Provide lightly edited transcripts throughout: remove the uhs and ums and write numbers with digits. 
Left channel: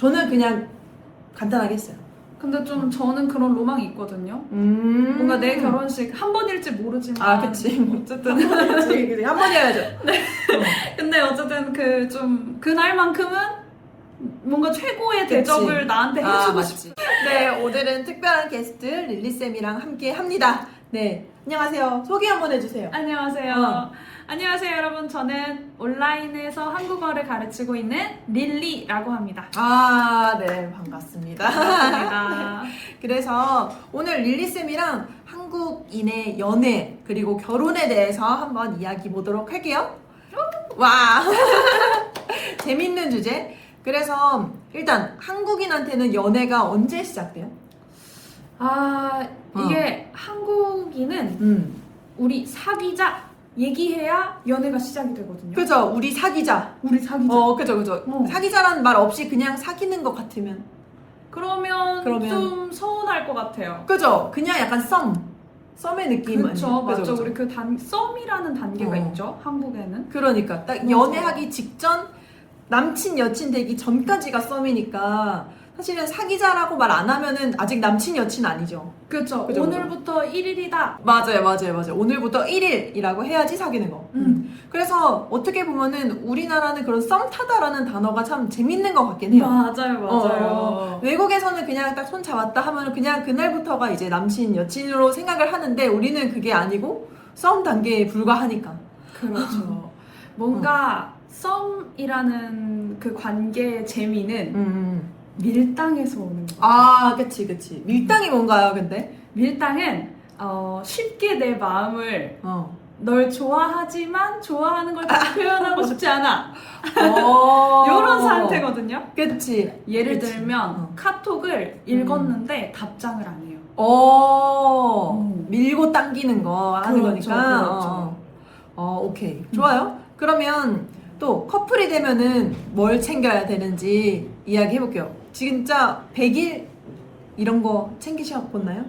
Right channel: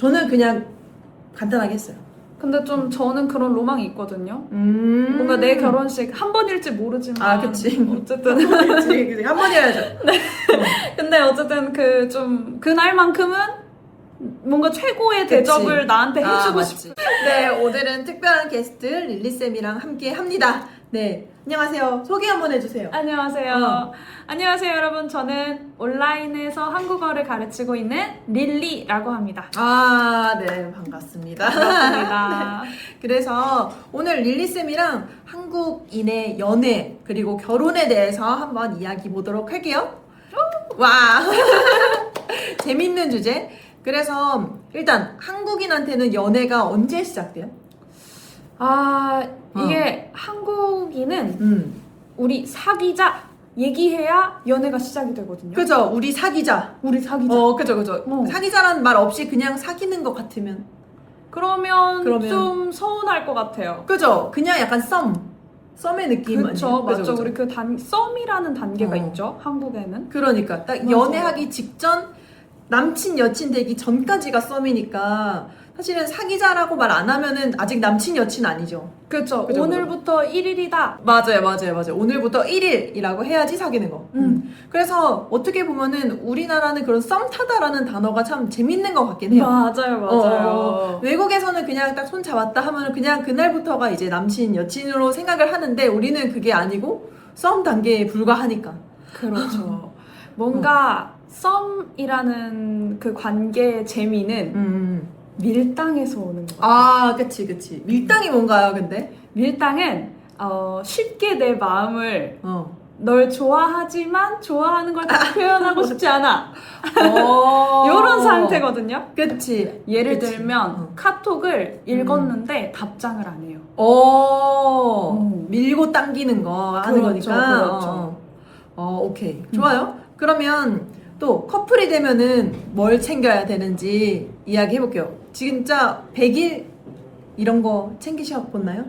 저는 그냥 간단하게 했어요. 근데 좀 저는 그런 로망이 있거든요. 뭔가 내 결혼식 한 번일지 모르지만. 아, 그치. 어쨌든. 그치. 한 번 해야죠. 근데 어쨌든 그 좀 그날만큼은 뭔가 최고의 대접을 나한테 해주고 싶어. 네, 오늘은 특별한 게스트 릴리쌤이랑 함께 합니다. 네, 안녕하세요. 소개 한번 해주세요. 안녕하세요. 안녕하세요, 여러분. 저는 온라인에서 한국어를 가르치고 있는 릴리라고 합니다. 아, 네, 반갑습니다. 반갑습니다. 그래서 오늘 릴리쌤이랑 한국인의 연애 그리고 결혼에 대해서 한번 이야기 보도록 할게요. 와, 재밌는 주제. 그래서 일단 한국인한테는 연애가 언제 시작돼요? 아, 이게 한국인은 우리 사귀자 얘기해야 연애가 시작이 되거든요. 그죠? 우리 사귀자. 우리 사귀자. 그죠. 사귀자라는 말 없이 그냥 사귀는 것 같으면. 그러면 좀 서운할 것 같아요. 그죠? 그냥 약간 썸의 느낌 그쵸, 아니에요? 맞죠. 그죠? 우리 그 썸이라는 단계가 있죠, 한국에는. 그러니까 딱 맞아. 연애하기 직전 남친 여친 되기 전까지가 썸이니까 사실은 사귀자라고 말 안 하면은 아직 남친 여친 아니죠. 그쵸. 그죠, 오늘부터 1일이다. 맞아요. 오늘부터 1일이라고 해야지 사귀는 거. 그래서 어떻게 보면은 우리나라는 그런 썸 타다라는 단어가 참 재밌는 것 같긴 해요. 맞아요. 외국에서는 그냥 딱 손 잡았다 하면은 그냥 그날부터가 이제 남친 여친으로 생각을 하는데 우리는 그게 아니고 썸 단계에 불과하니까. 그렇죠. 뭔가 썸이라는 그 관계의 재미는 밀당에서 오는 거예요. 아, 그치. 밀당이 뭔가요, 근데? 밀당은 쉽게 내 마음을 널 좋아하지만 좋아하는 걸 다 표현하고 싶지 않아. 이런 상태거든요. 그치. 예를 들면 카톡을 읽었는데 답장을 안 해요. 밀고 당기는 거 하는 그렇죠, 거니까. 그렇죠. 오케이. 좋아요. 그러면 또 커플이 되면은 뭘 챙겨야 되는지 이야기 해볼게요. 진짜 100일 이런 거 챙기셨나요?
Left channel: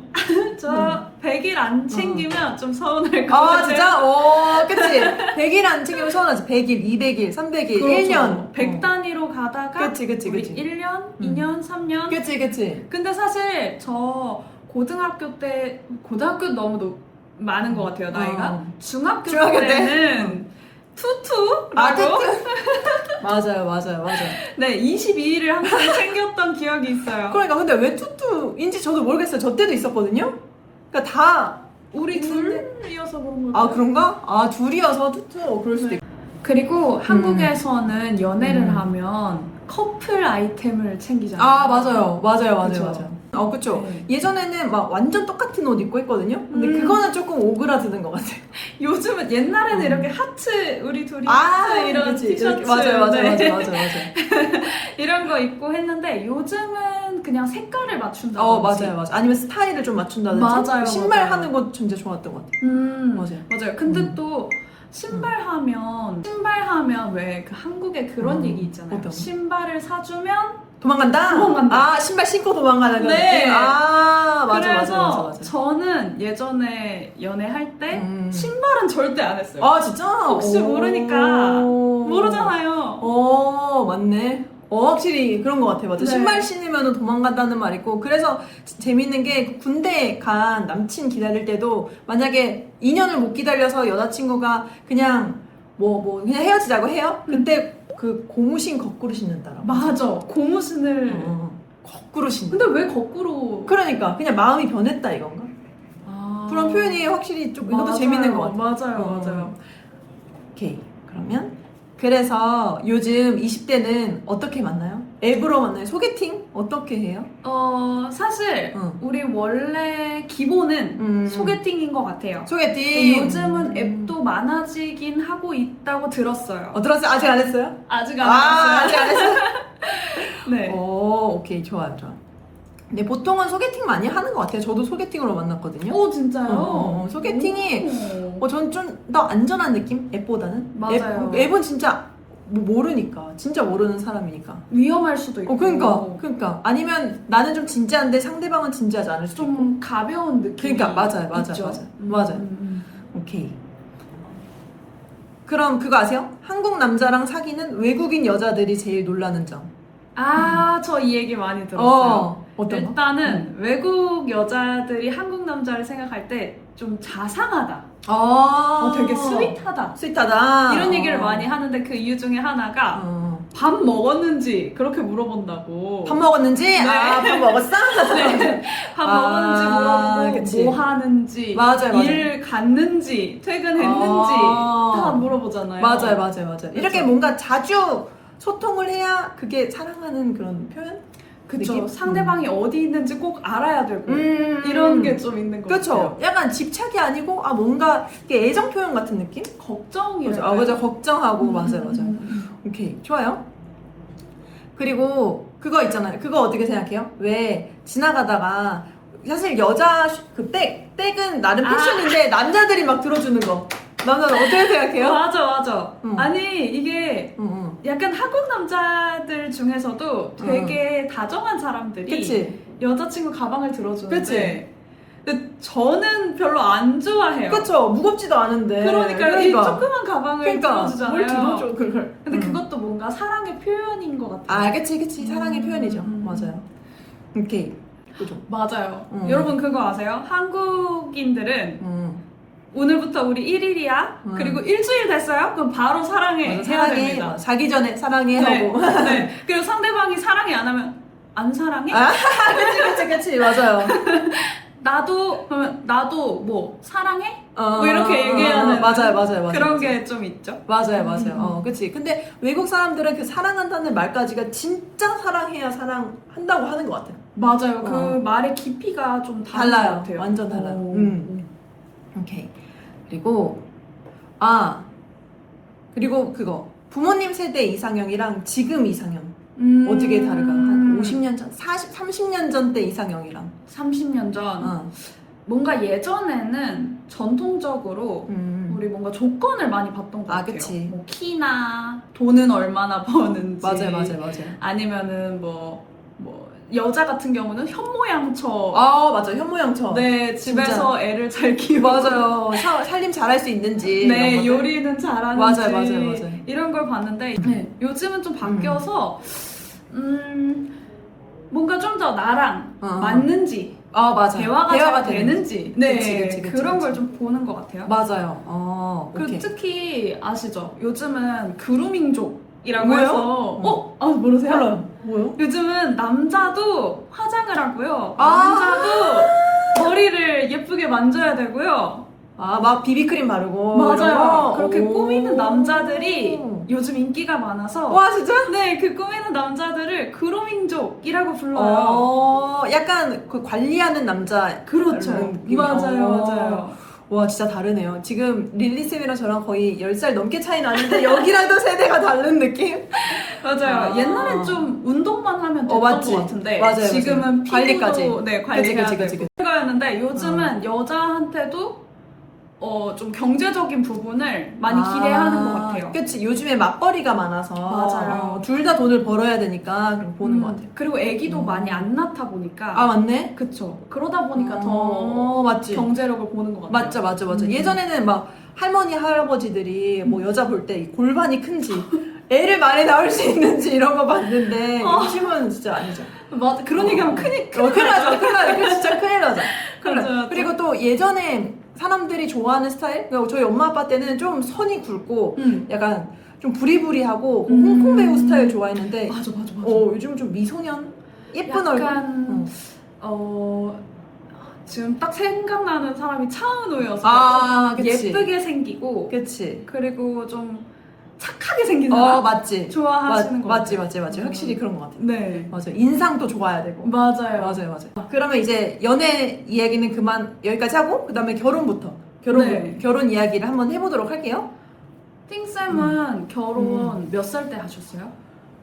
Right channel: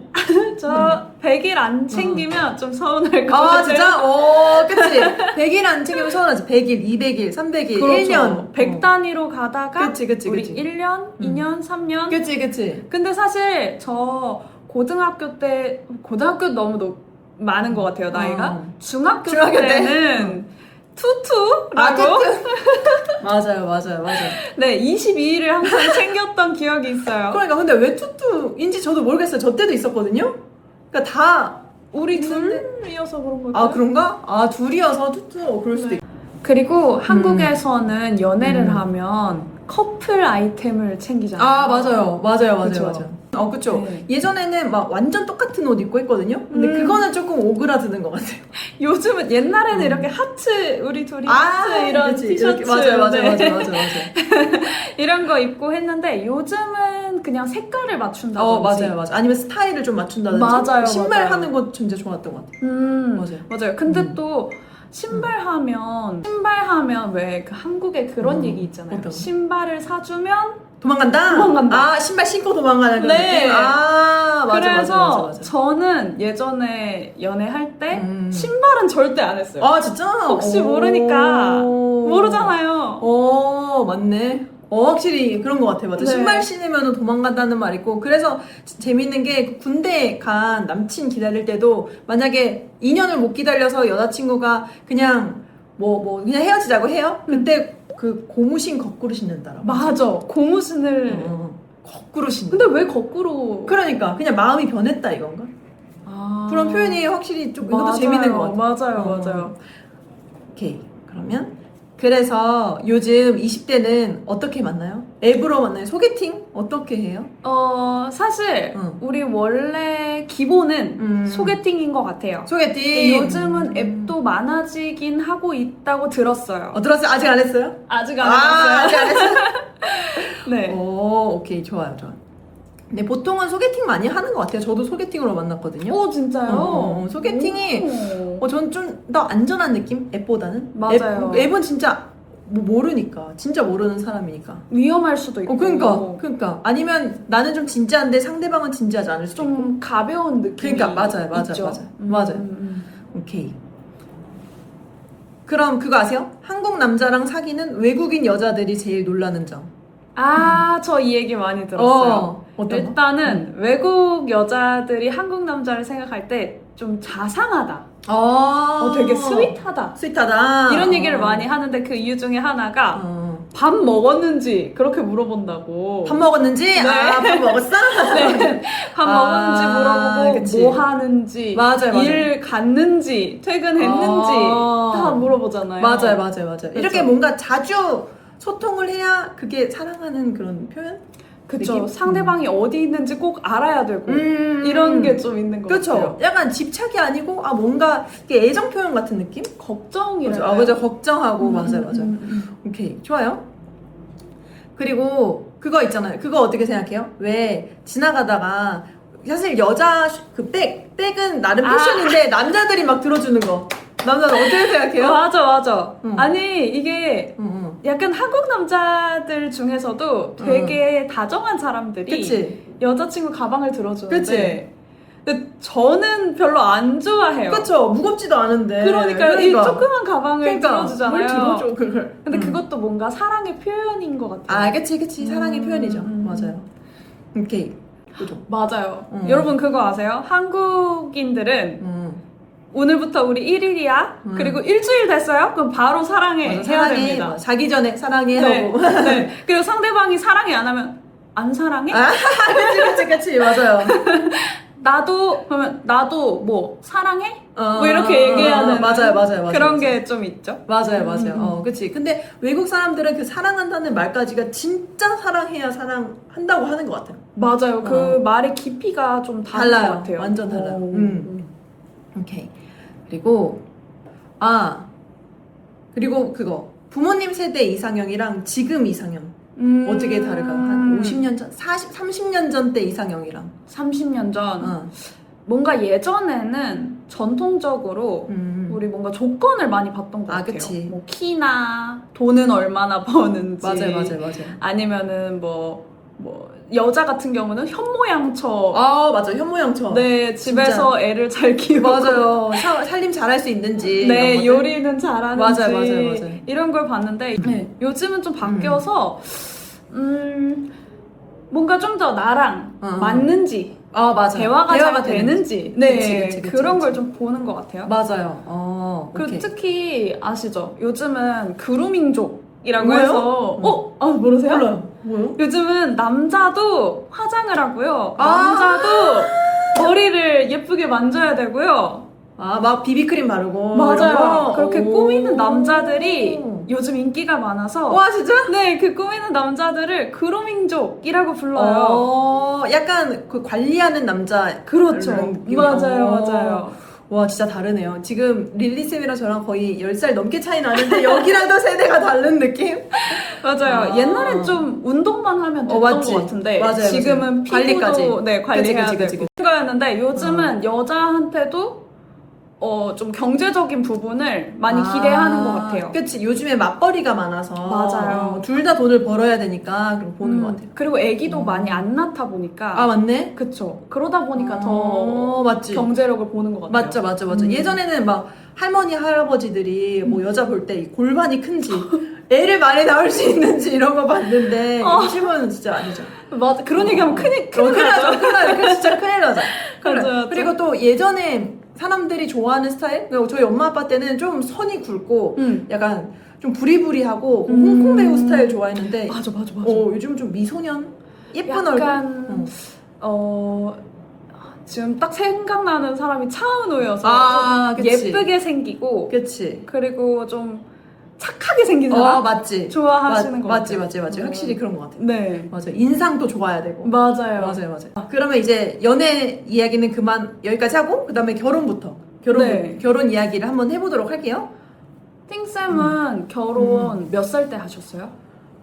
저 100일 안 챙기면 좀 서운할 것 같아요. 진짜? 그치. 100일 안 챙기면 서운하지. 100일, 200일, 300일, 그렇죠. 1년. 100 단위로 가다가 그치. 우리 1년, 2년, 3년. 그치. 근데 사실 저 고등학교 너무 많은 것 같아요, 나이가. 중학교 때는 투투라고. 맞아요. 네, 22일을 항상 챙겼던 기억이 있어요. 그러니까 근데 왜 투투인지 저도 모르겠어요. 저 때도 있었거든요. 그러니까 다 우리 있는데. 둘이어서 그런 걸까요? 아, 그런가? 아, 둘이어서 투투 그럴 수도 있고. 그리고 한국에서는 연애를 하면 커플 아이템을 챙기잖아요. 아, 맞아요. 그쵸? 그쵸. 네. 예전에는 막 완전 똑같은 옷 입고 했거든요. 근데 그거는 조금 오그라드는 것 같아요. 요즘은 옛날에는 이렇게 하트, 우리 둘이 하트 이런 그치. 티셔츠 이렇게, 맞아요. 이런 거 입고 했는데 요즘은 그냥 색깔을 맞춘다든지. 맞아요. 아니면 스타일을 좀 맞춘다든지. 맞아요, 신발 맞아요. 하는 거 진짜 좋았던 것 같아요. 맞아요. 근데 또 신발 하면 왜 그 한국에 그런 얘기 있잖아요. 어떤 거? 신발을 사주면 도망간다. 아, 신발 신고 도망가는 그런 네. 느낌. 아, 그래서 맞아. 저는 예전에 연애할 때 신발은 절대 안 했어요. 아, 진짜? 혹시 모르니까. 모르잖아요. 맞네. 확실히 그런 것 같아요. 맞아. 네. 신발 신으면 도망간다는 말 있고. 그래서 재밌는 게 군대 간 남친 기다릴 때도 만약에 2년을 못 기다려서 여자친구가 그냥 그냥 헤어지자고 해요? 그때 그 고무신 거꾸로 신는다라고. 맞아. 고무신을. 거꾸로 신는. 근데 왜 거꾸로? 그러니까 그냥 마음이 변했다 이건가? 그런 표현이 확실히 좀 이것도 재밌는 것 같아요. 맞아요. 오케이. 그러면 그래서 요즘 20대는 어떻게 만나요? 앱으로 만나요? 소개팅? 어떻게 해요? 사실 우리 원래 기본은 소개팅인 것 같아요. 소개팅. 요즘은 앱도 많아지긴 하고 있다고 들었어요. 들었어요? 아직 안 했어요? 아직 안 아직 했어요. 안 했어요? 네. 오케이. 좋아요. 근데 보통은 소개팅 많이 하는 것 같아요. 저도 소개팅으로 만났거든요. 오, 진짜요? 소개팅이 오. 전 좀 더 안전한 느낌? 앱보다는? 맞아요. 앱은 진짜 모르니까. 진짜 모르는 사람이니까. 위험할 수도 있고. 그러니까. 아니면 나는 좀 진지한데 상대방은 진지하지 않을 수도 있고. 좀 가벼운 느낌이 그러니까 맞아요. 오케이. 그럼 그거 아세요? 한국 남자랑 사귀는 외국인 여자들이 제일 놀라는 점. 저 이 얘기 많이 들었어요. 어떤 거? 일단은 외국 여자들이 한국 남자를 생각할 때 좀 자상하다. 되게 스윗하다. 스윗하다. 이런 얘기를 많이 하는데 그 이유 중에 하나가 밥 먹었는지 그렇게 물어본다고. 밥 먹었는지? 네. 밥 먹었어? 네. 밥 먹었는지 물어보고 그치. 뭐 하는지, 맞아요. 일 갔는지, 퇴근했는지 다 물어보잖아요. 맞아요. 이렇게 뭔가 자주 소통을 해야 그게 사랑하는 그런 표현? 그쵸. 느낌? 상대방이 어디 있는지 꼭 알아야 되고 이런 게 좀 있는 것 그렇죠. 같아요. 약간 집착이 아니고 뭔가 이게 애정 표현 같은 느낌? 걱정이에요. 그죠. 걱정하고 맞아요. 오케이, 좋아요. 그리고 그거 있잖아요. 그거 어떻게 생각해요? 왜 지나가다가 사실 여자 백은 나름 패션인데 남자들이 막 들어주는 거. 남자들 어떻게 생각해요? 맞아. 아니 이게 약간 한국 남자들 중에서도 되게 다정한 사람들이 그치? 여자친구 가방을 들어주는데 그치? 근데 저는 별로 안 좋아해요. 그쵸. 무겁지도 않은데. 그러니까 이 조그만 가방을 들어주잖아요. 뭘 들어줘 그걸. 근데 그것도 뭔가 사랑의 표현인 것 같아요. 그치. 사랑의 표현이죠. 맞아요. 오케이. 그죠. 맞아요. 여러분 그거 아세요? 한국인들은 오늘부터 우리 1일이야? 그리고 일주일 됐어요? 그럼 바로 사랑해. 해야 사랑해. 됩니다. 자기 전에 사랑해 하고. 네. 그리고 상대방이 사랑해 안 하면 안 사랑해? 그치. 맞아요. 그러면 나도 뭐 사랑해? 뭐 이렇게 얘기하는 맞아요. 그런 게 좀 있죠. 맞아요. 그치. 근데 외국 사람들은 그 사랑한다는 말까지가 진짜 사랑해야 사랑한다고 하는 것 같아요. 맞아요. 그 말의 깊이가 좀 다른 달라요. 것 같아요. 완전 달라요. 오케이. 그리고 그거 부모님 세대 이상형이랑 지금 이상형 어떻게 다를까? 한 50년 전, 30년 전 때 이상형이랑 30년 전 뭔가 예전에는 전통적으로 우리 뭔가 조건을 많이 봤던 것 같아요. 그치. 뭐 키나 돈은 얼마나 버는지 맞아요. 아니면은 뭐 여자 같은 경우는 현모양처 맞아. 현모양처. 네 집에서 진짜. 애를 잘 키우고 맞아요. 살림 잘할 수 있는지. 네 이런 것들. 요리는 잘하는지 맞아요. 이런 걸 봤는데 요즘은 좀 바뀌어서 뭔가 좀 더 나랑 맞는지 맞아요. 대화가 잘 되는지 그치. 그런 걸 좀 보는 것 같아요. 맞아요. 그리고 오케이. 특히 아시죠? 요즘은 그루밍족이라고 뭐예요? 해서 모르세요? 몰라요. 뭐요? 요즘은 남자도 화장을 하고요. 남자도 머리를 예쁘게 만져야 되고요. 막 비비크림 바르고 이런 맞아요. 거? 그렇게 꾸미는 남자들이 요즘 인기가 많아서 와 진짜? 네, 그 꾸미는 남자들을 그루밍족이라고 불러요. 약간 그 관리하는 남자. 그렇죠. 이런 느낌. 맞아요. 와 진짜 다르네요. 지금 릴리쌤이랑 저랑 거의 10살 넘게 차이 나는데 여기랑도 세대가 다른 느낌? 맞아요. 옛날엔 좀 운동만 하면 됐던 맞지. 것 같은데 맞아요. 지금은 피부도 관리까지. 관리해야 그치. 되고 거였는데 요즘은 여자한테도 좀 경제적인 부분을 많이 기대하는 것 같아요. 그치. 요즘에 맞벌이가 많아서 맞아요. 둘 다 돈을 벌어야 되니까 그럼 보는 것 같아요. 그리고 아기도 많이 안 낳다 보니까 맞네. 그쵸. 그러다 보니까 더 맞지. 경제력을 보는 것 같아요. 맞죠. 예전에는 막 할머니 할아버지들이 뭐 여자 볼 때 골반이 큰지 애를 많이 낳을 수 있는지 이런 거 봤는데 요즘은 진짜 아니죠. 맞아. 그런 얘기하면 큰일 나죠. 진짜 큰일 나죠. 맞아요. 그리고 또 예전에 사람들이 좋아하는 스타일? 그러니까 저희 엄마 아빠 때는 좀 선이 굵고 약간 좀 부리부리하고 홍콩 배우 스타일 좋아했는데 맞아. 요즘은 좀 미소년? 예쁜 약간 지금 딱 생각나는 사람이 차은우여서 그치. 예쁘게 생기고 그치. 그리고 좀 착하게 생긴 사람 맞지. 좋아하시는 것 같아요. 맞지. 확실히 그런 것 같아요. 네. 맞아. 인상도 좋아야 되고. 맞아요. 그러면 이제 연애 이야기는 그만 여기까지 하고 그 다음에 결혼부터 결혼 이야기를 한번 해보도록 할게요. 띵쌤은 결혼 몇 살 때 하셨어요?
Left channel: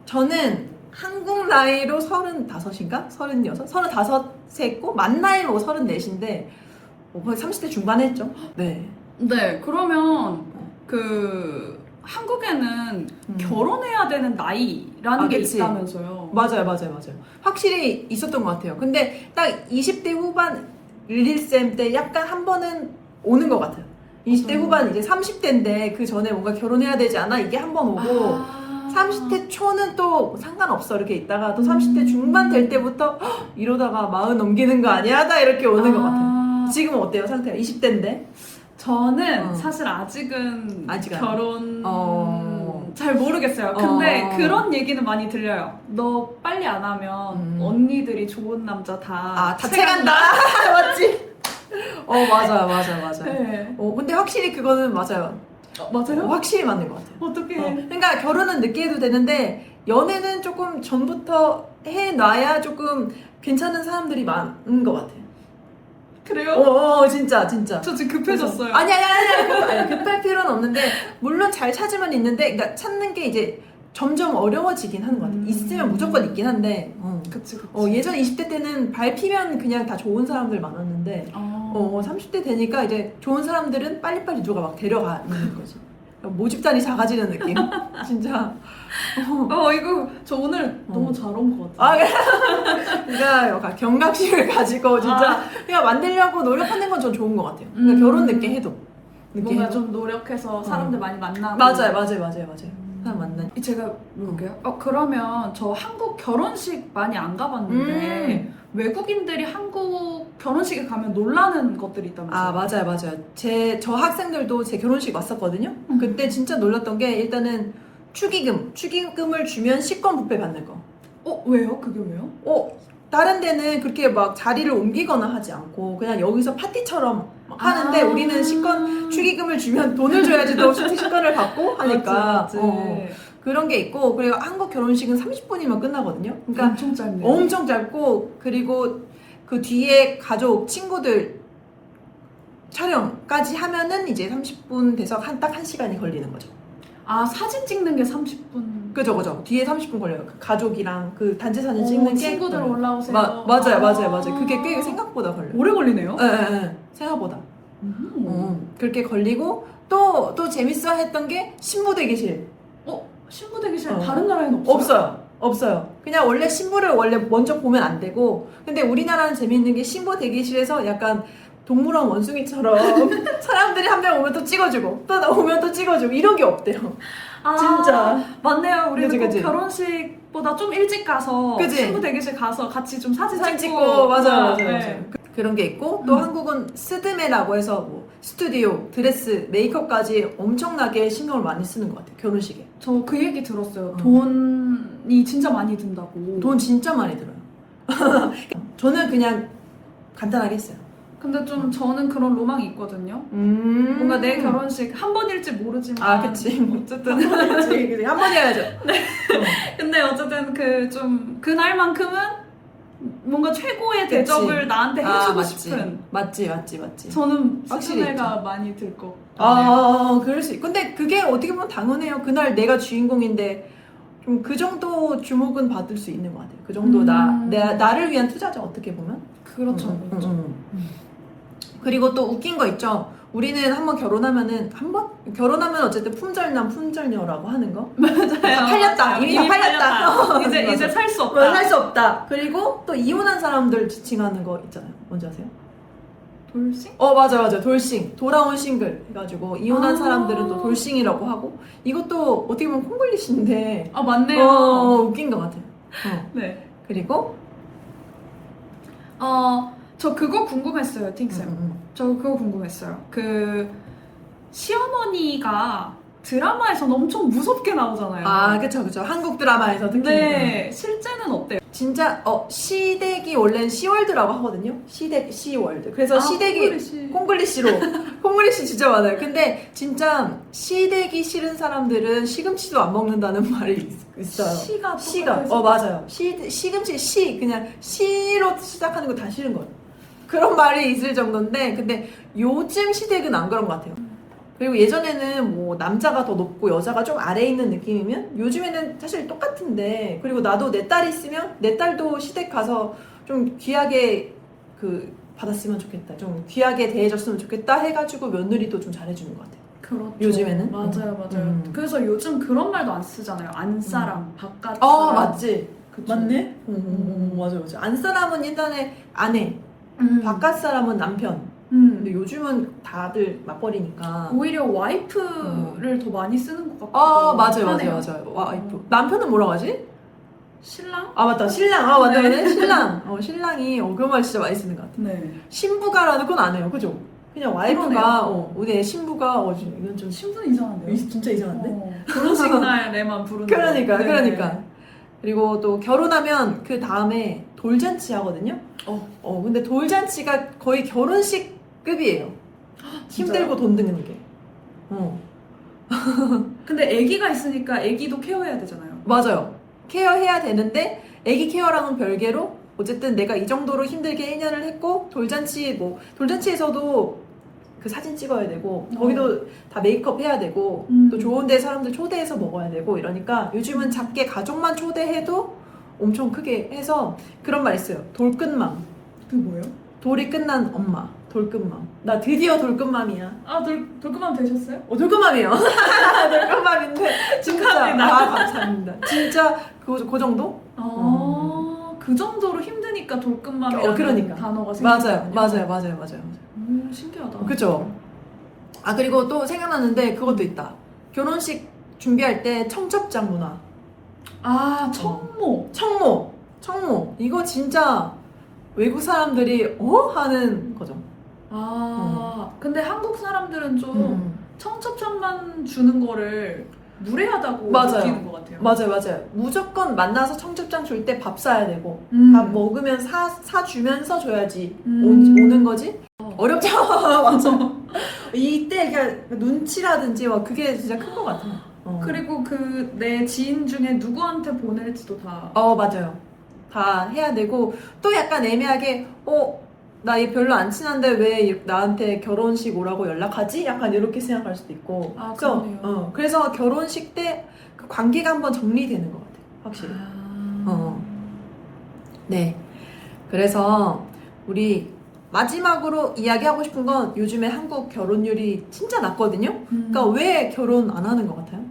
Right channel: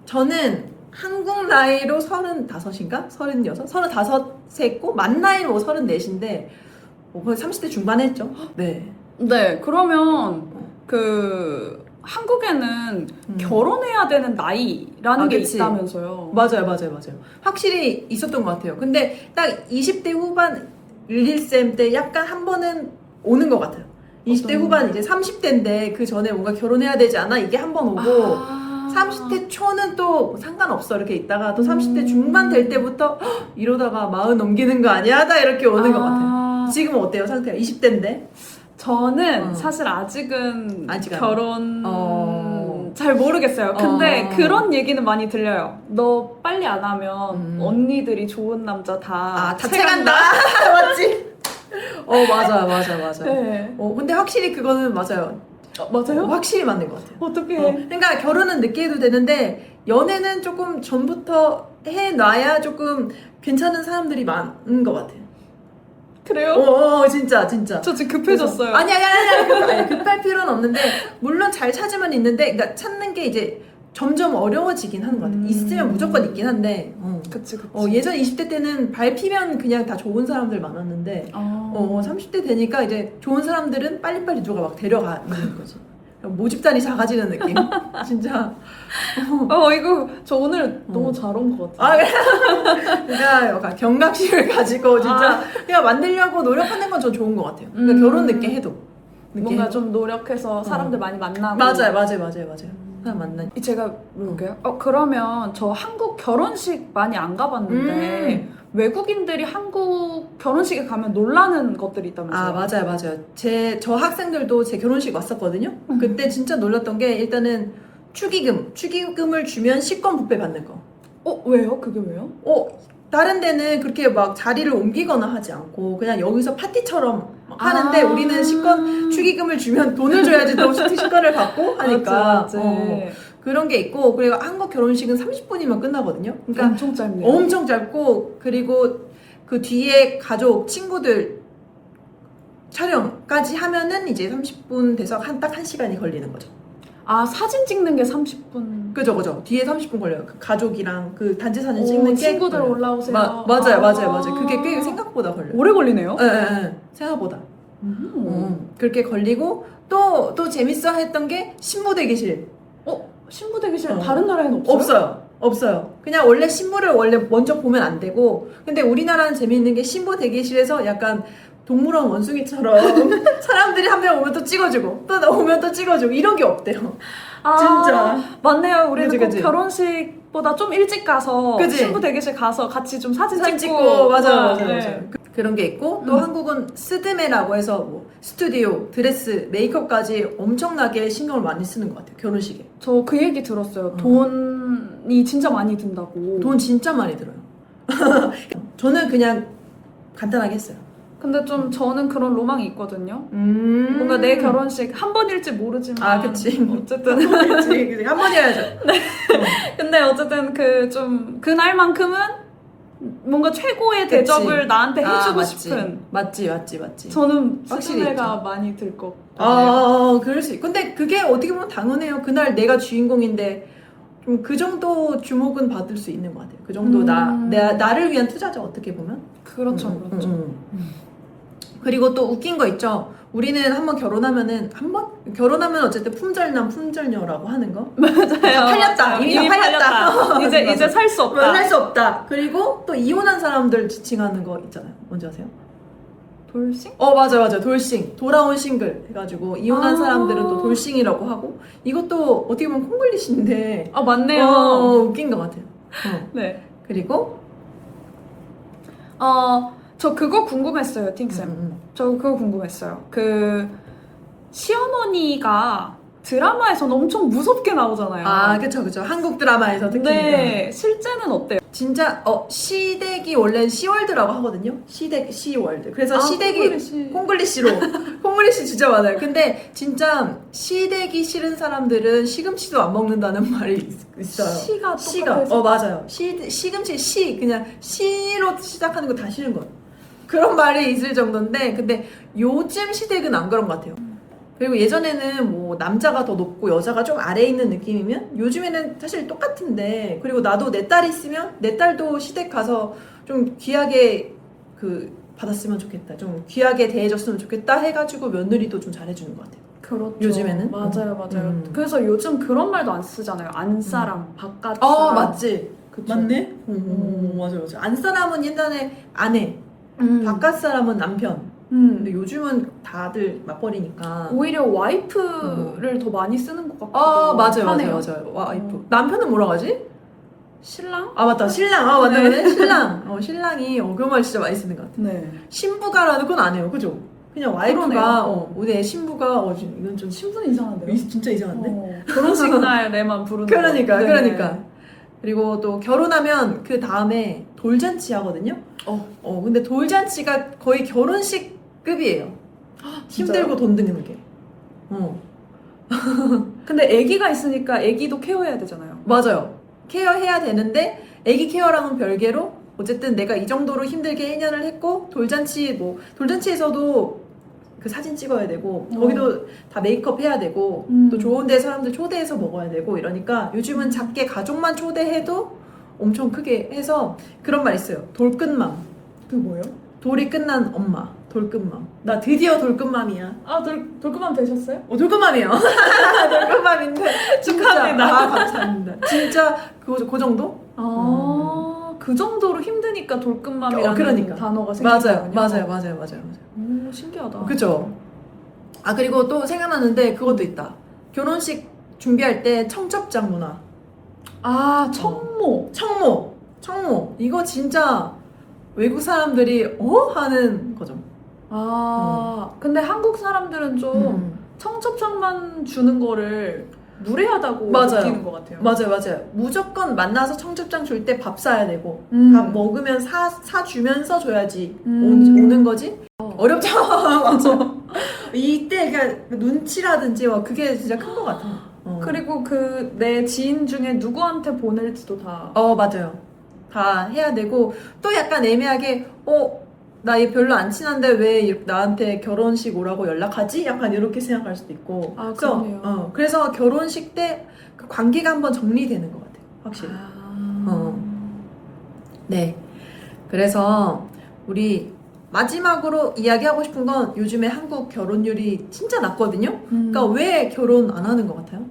저는 한국 나이로 35인가? 36? 35세 했고 만 나이 뭐 34인데 거의 30대 중반 했죠. 네. 네. 그러면 한국에는 결혼해야 되는 나이라는 게 그치. 있다면서요. 맞아요. 확실히 있었던 것 같아요. 근데 딱 20대 후반 11쌤 때 약간 한 번은 오는 것 같아요. 20대 후반 이제 30대인데 그 전에 뭔가 결혼해야 되지 않아? 이게 한 번 오고 30대 초는 또 상관없어 이렇게 있다가 또 30대 중반 될 때부터 이러다가 40 넘기는 거 아니야? 다 이렇게 오는 것 같아. 지금은 어때요 상태가? 20대인데? 저는 사실 아직은 아직 결혼 잘 모르겠어요. 근데 그런 얘기는 많이 들려요. 너 빨리 안 하면 언니들이 좋은 남자 다 채간다. 맞지? 맞아. 네. 근데 확실히 그거는 맞아요. 맞아요? 확실히 맞는 것 같아요. 어떻게? 그러니까 결혼은 늦게 해도 되는데 연애는 조금 전부터 해놔야 조금 괜찮은 사람들이 많은 것 같아요. 그래요? 진짜. 저 지금 급해졌어요. 아니, 급할 필요는 없는데, 물론 잘 찾으면 있는데, 그러니까 찾는 게 이제 점점 어려워지긴 하는 것 같아요. 있으면 무조건 있긴 한데, 그치. 예전 20대 때는 밟히면 그냥 다 좋은 사람들 많았는데, 30대 되니까 이제 좋은 사람들은 빨리빨리 누가 막 데려가는 거지. 모집단이 작아지는 느낌. 진짜. 이거 저 오늘 너무 잘 온 것 같아요. 그러니까 경각심을 가지고 진짜 그냥 만들려고 노력하는 건 전 좋은 것 같아요. 그러니까 결혼 늦게 해도. 뭔가 좀 노력해서 사람들 많이 만나고. 맞아요. 사람 만나. 제가 물어볼게요. 그러면 저 한국 결혼식 많이 안 가봤는데 외국인들이 한국 결혼식에 가면 놀라는 것들이 있다면서요? 맞아요. 저 학생들도 제 결혼식 왔었거든요. 그때 진짜 놀랐던 게 일단은 축의금을 주면 식권 뷔페 받는 거. 왜요? 그게 왜요? 다른 데는 그렇게 막 자리를 옮기거나 하지 않고 그냥 여기서 파티처럼 하는데 우리는 축의금을 주면 돈을 줘야지 또 식권을 받고 하니까 맞아. 그런 게 있고 그리고 한국 결혼식은 30분이면 끝나거든요. 그러니까 엄청 짧네요. 엄청 짧고 그리고 그 뒤에 가족, 친구들 촬영까지 하면은 이제 30분 돼서 딱 1시간이 걸리는 거죠. 사진 찍는 게 30분. 그죠. 뒤에 30분 걸려요. 그 가족이랑 그 단체 사진 찍는 게. 친구들 올라오세요. 맞아요. 그게 꽤 생각보다 걸려요. 오래 걸리네요? 네. 생각보다. 그렇게 걸리고 또 재밌어 했던 게 신부 대기실. 신부 대기실 다른 나라에는 없어요? 없어요. 그냥 원래 신부를 먼저 보면 안 되고 근데 우리나라는 재밌는 게 신부 대기실에서 약간 동물원 원숭이처럼 사람들이 한 명 오면 또 찍어주고 또 오면 또 찍어주고 이런 게 없대요. 진짜. 맞네요. 우리는 그치. 결혼식보다 좀 일찍 가서 신부 대기실 가서 같이 좀 사진 찍고 맞아요. 네. 그런 게 있고 또 한국은 스드메라고 해서 뭐 스튜디오, 드레스, 메이크업까지 엄청나게 신경을 많이 쓰는 것 같아요. 결혼식에. 저 그 얘기 들었어요. 돈이 진짜 많이 든다고. 돈 진짜 많이 들어요. 저는 그냥 간단하게 했어요. 근데 좀 저는 그런 로망이 있거든요. 뭔가 내 결혼식 한 번일지 모르지만. 그치. 어쨌든. 한 번 해야죠. 네. 근데 어쨌든 그날만큼은 뭔가 최고의 대접을 나한테 해주고 싶은. 맞지. 저는 확실히 스드메가 많이 들 것 같아요. 그럴 수 있. 근데 그게 어떻게 보면 당연해요. 그날 내가 주인공인데 좀 그 정도 주목은 받을 수 있는 것 같아요. 그 정도 나를 위한 투자죠. 어떻게 보면. 그렇죠. 그리고 또 웃긴 거 있죠. 우리는 한번 결혼하면 어쨌든 품절남 품절녀라고 하는 거. 맞아요. 이미 다 팔렸다. 이제 살 수 없다. 살 수 없다. 그리고 또 이혼한 사람들 지칭하는 거 있잖아요. 뭔지 아세요? 돌싱? 맞아. 돌싱. 돌아온 싱글 해가지고 이혼한 사람들은 또 돌싱이라고 하고 이것도 어떻게 보면 콩글리시인데 맞네요. 웃긴 것 같아요. 네. 그리고 저 그거 궁금했어요, 팅쌤. 저 그거 궁금했어요. 시어머니가 드라마에서는 엄청 무섭게 나오잖아요. 그쵸. 한국 드라마에서 특히. 네, 실제는 어때요? 진짜 시댁이 원래는 시월드라고 하거든요. 시월드. 그래서 시댁이 콩글리시로 진짜 많아요. 근데 진짜 시댁이 싫은 사람들은 시금치도 안 먹는다는 말이 있어요. 시가 맞아요. 시금치 그냥 시로 시작하는 거 다 싫은 거예요. 그런 말이 있을 정도인데 근데 요즘 시댁은 안 그런 것 같아요. 그리고 예전에는 뭐 남자가 더 높고 여자가 좀 아래에 있는 느낌이면 요즘에는 사실 똑같은데 그리고 나도 내 딸이 있으면 내 딸도 시댁 가서 좀 귀하게 받았으면 좋겠다. 좀 귀하게 대해줬으면 좋겠다 해가지고 며느리도 좀 잘해주는 것 같아요. 그렇죠. 요즘에는? 맞아요. 그래서 요즘 그런 말도 안 쓰잖아요. 안사람, 바깥사람. 맞지. 그쵸? 맞네. 맞아. 안사람은 옛날에 아내, 바깥사람은 남편. 근데 요즘은 다들 맞벌이니까. 오히려 와이프를 더 많이 쓰는 것 같기도 아, 맞아요, 하네요. 맞아요, 맞아요. 와이프. 남편은 뭐라고 하지? 신랑? 아, 맞다. 신랑. 아, 맞네, 맞네. 신랑. 신랑이, 그 말 진짜 많이 쓰는 것 같아. 네. 신부가라는 건 안 해요. 그죠? 그냥 와이프가, 그러네요. 내 신부가, 이건 좀, 신분은 이상한데요? 진짜 이상한데? 결혼식 날에만 부르는 그러니까, 거. 네. 그러니까. 그리고 또 결혼하면 그 다음에 돌잔치 하거든요? 근데 돌잔치가 거의 결혼식급이에요. 힘들고 돈 드는 게. 근데 아기가 있으니까 아기도 케어해야 되잖아요. 맞아요. 케어해야 되는데, 애기 케어랑은 별개로, 어쨌든 내가 이 정도로 힘들게 1년을 했고, 돌잔치에서도 그 사진 찍어야 되고, 거기도 다 메이크업 해야 되고, 또 좋은 데 사람들 초대해서 먹어야 되고, 이러니까 요즘은 작게 가족만 초대해도 엄청 크게 해서 그런 말 있어요. 돌끝맘. 그게 뭐예요? 돌이 끝난 엄마. 돌끝맘. 나 드디어 돌끝맘이야. 아, 돌그만 되셨어요? 돌끝맘이에요. 돌끝맘인데 진짜. 축하합니다. 아, 감사합니다. 진짜 그 정도? 그 정도로 힘드니까 돌끝맘이라는 그러니까. 단어가 생겼거든요. 맞아요. 신기하다. 그죠? 아, 그리고 또 생각나는데 그것도 있다. 결혼식 준비할 때 청첩장 문화. 아, 청모. 청모. 이거 진짜 외국 사람들이 하는 거죠. 근데 한국 사람들은 좀 청첩장만 주는 거를 무례하다고 맞아요. 느끼는 것 같아요. 맞아요. 무조건 만나서 청첩장 줄 때 밥 사야 되고, 밥 먹으면 사주면서 줘야지 오는 거지? 어렵죠? 맞아. 이때 그냥 눈치라든지 그게 진짜 큰 것 같아요. 그리고 내 지인 중에 누구한테 보낼지도 다. 맞아요. 다 해야 되고, 또 약간 애매하게, 나 얘 별로 안 친한데 왜 나한테 결혼식 오라고 연락하지? 약간 이렇게 생각할 수도 있고. 아, 그러네요. 그래서 결혼식 때 그 관계가 한번 정리되는 것 같아요. 확실히. 네. 그래서 우리 마지막으로 이야기하고 싶은 건 요즘에 한국 결혼율이 진짜 낮거든요? 그러니까 왜 결혼 안 하는 것 같아요?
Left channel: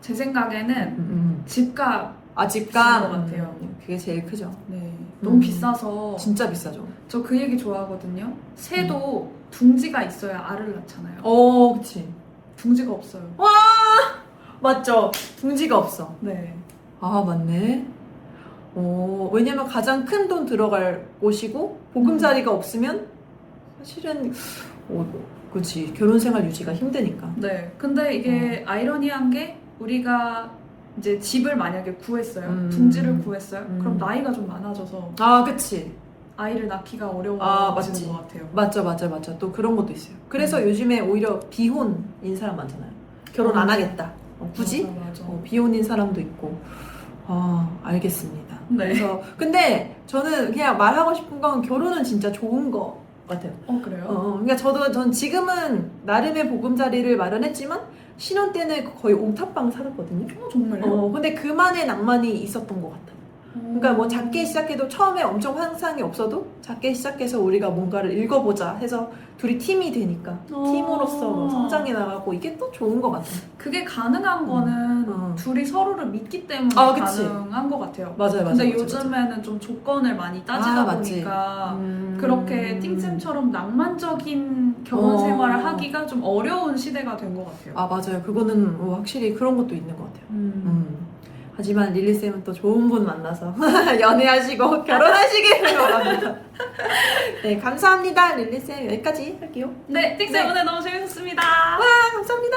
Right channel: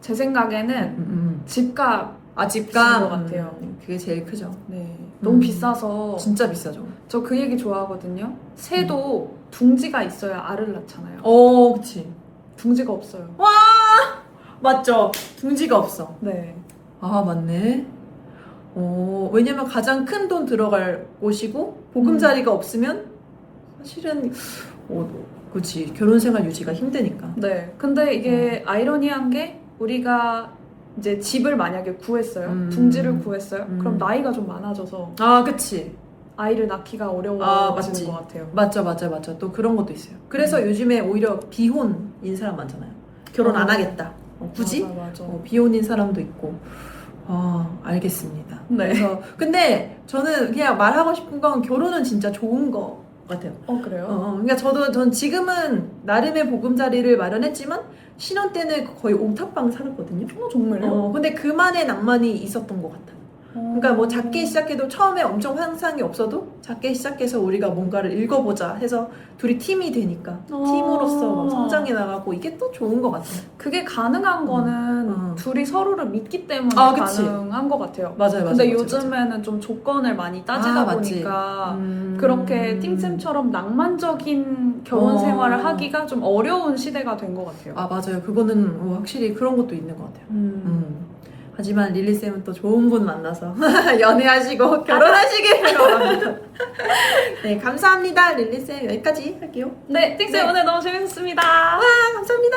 제 생각에는 집값. 집값. 것 같아요. 그게 제일 크죠. 네. 너무 비싸서. 진짜 비싸죠. 저 그 얘기 좋아하거든요. 새도 둥지가 있어야 알을 낳잖아요. 그치. 둥지가 없어요. 맞죠? 둥지가 없어. 네. 아, 맞네. 왜냐면 가장 큰 돈 들어갈 곳이고 보금자리가 없으면 사실은 그렇지, 결혼 생활 유지가 힘드니까. 네. 근데 이게 아이러니한 게 우리가 이제 집을 만약에 구했어요. 둥지를 구했어요. 그럼 나이가 좀 많아져서 그치. 아이를 낳기가 어려워지는 맞지. 것 같아요. 맞죠. 또 그런 것도 있어요. 그래서 요즘에 오히려 비혼인 사람 많잖아요. 결혼 안 하겠다. 굳이? 맞아. 비혼인 사람도 있고. 알겠습니다. 네. 그래서 근데 저는 그냥 말하고 싶은 건 결혼은 진짜 좋은 거 같아요. 그래요? 그러니까 전 지금은 나름의 보금자리를 마련했지만 신혼 때는 거의 옥탑방 살았거든요. 정말요? 근데 그만의 낭만이 있었던 것 같아요. 그러니까 뭐 작게 시작해도 처음에 엄청 환상이 없어도 작게 시작해서 우리가 뭔가를 읽어보자 해서 둘이 팀이 되니까 팀으로서 막 성장해 나가고 이게 또 좋은 것 같아요. 그게 가능한 거는 둘이 서로를 믿기 때문에 그치. 가능한 것 같아요. 맞아요. 근데 요즘에는 좀 조건을 많이 따지다 보니까 그렇게 띵쌤처럼 낭만적인 결혼 생활을 하기가 좀 어려운 시대가 된 것 같아요. 맞아요. 그거는 확실히 그런 것도 있는 것 같아요. 하지만 릴리쌤은 또 좋은 분 만나서 연애하시고 결혼하시길 바랍니다. 네, 감사합니다. 릴리쌤 여기까지 할게요. 네, 띵쌤 네. 오늘 너무 재밌었습니다. 감사합니다.